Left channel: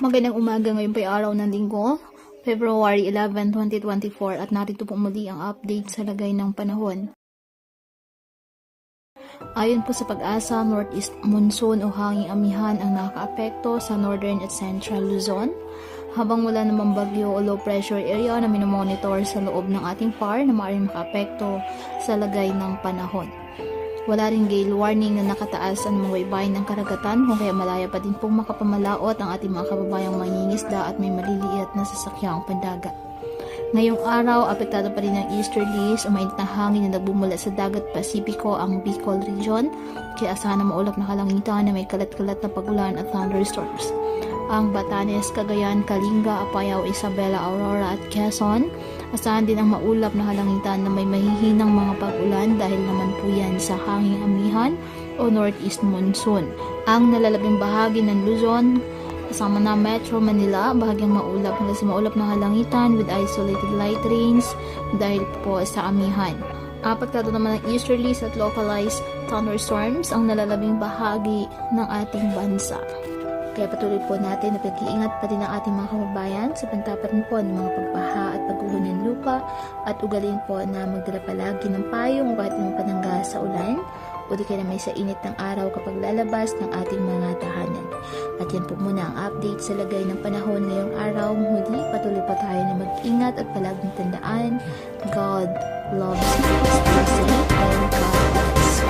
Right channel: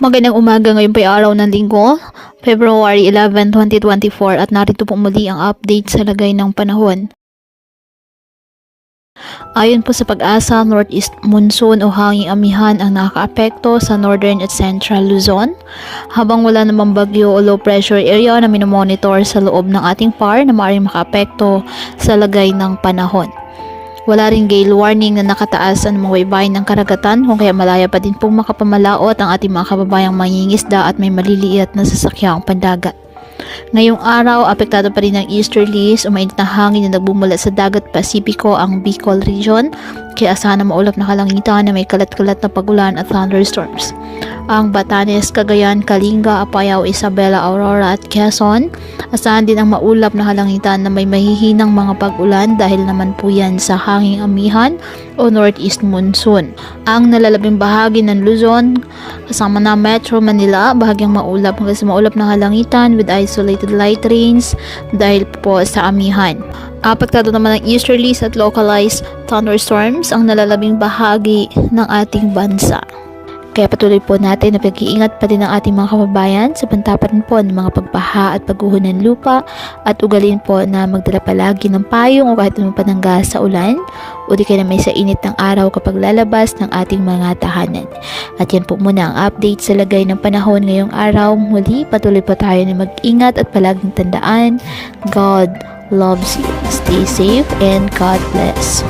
Magandang umaga, ngayon pa araw ng linggo, February 11, 2024 at narito po muli ang update sa lagay ng panahon. Ayon po sa pag-asa, northeast monsoon o hanging amihan ang nakakaapekto sa northern at central Luzon, habang wala namang bagyo o low pressure area na minomonitor sa loob ng ating PAR na maaaring makaapekto sa lagay ng panahon. Wala ring gale warning na nakataas ang mga baybayin ng karagatan, kung kaya malaya pa din pong makapamalaot ang ating mga kababayang mangingisda at may maliliit na sasakyang pandagat. Ngayong araw, apektado pa rin ng easterlies o mainit na hangin na nagbumula sa dagat Pasipiko ang Bicol region, kaya asahan na maulap na kalangitan na may kalat-kalat na pagulan at thunderstorms. Ang Batanes, Cagayan, Kalinga, Apayao, Isabela, Aurora at Quezon, asahan din ang maulap na kalangitan na may mahihinang mga pag-ulan dahil naman po yan sa hanging amihan o northeast monsoon. Ang nalalabing bahagi ng Luzon, kasama na Metro Manila, bahagyang maulap hanggang sa maulap na kalangitan with isolated light rains dahil po sa amihan. Apektado naman ng easterlies at localized thunderstorms ang nalalabing bahagi ng ating bansa. Kaya patuloy po natin na pag-iingat pa din ang ating mga kababayan sa pantapan po ng mga pagbaha at pagguho ng lupa, at ugalin po na magdala palagi ng payong o kahit anong panangga sa ulan o di kaya na may sa init ng araw kapag lalabas ng ating mga tahanan. At yan po muna ang update sa lagay ng panahon ngayong araw. Muli, patuloy po tayo na mag-ingat at palaging tandaan, God loves you. Stay safe and God bless.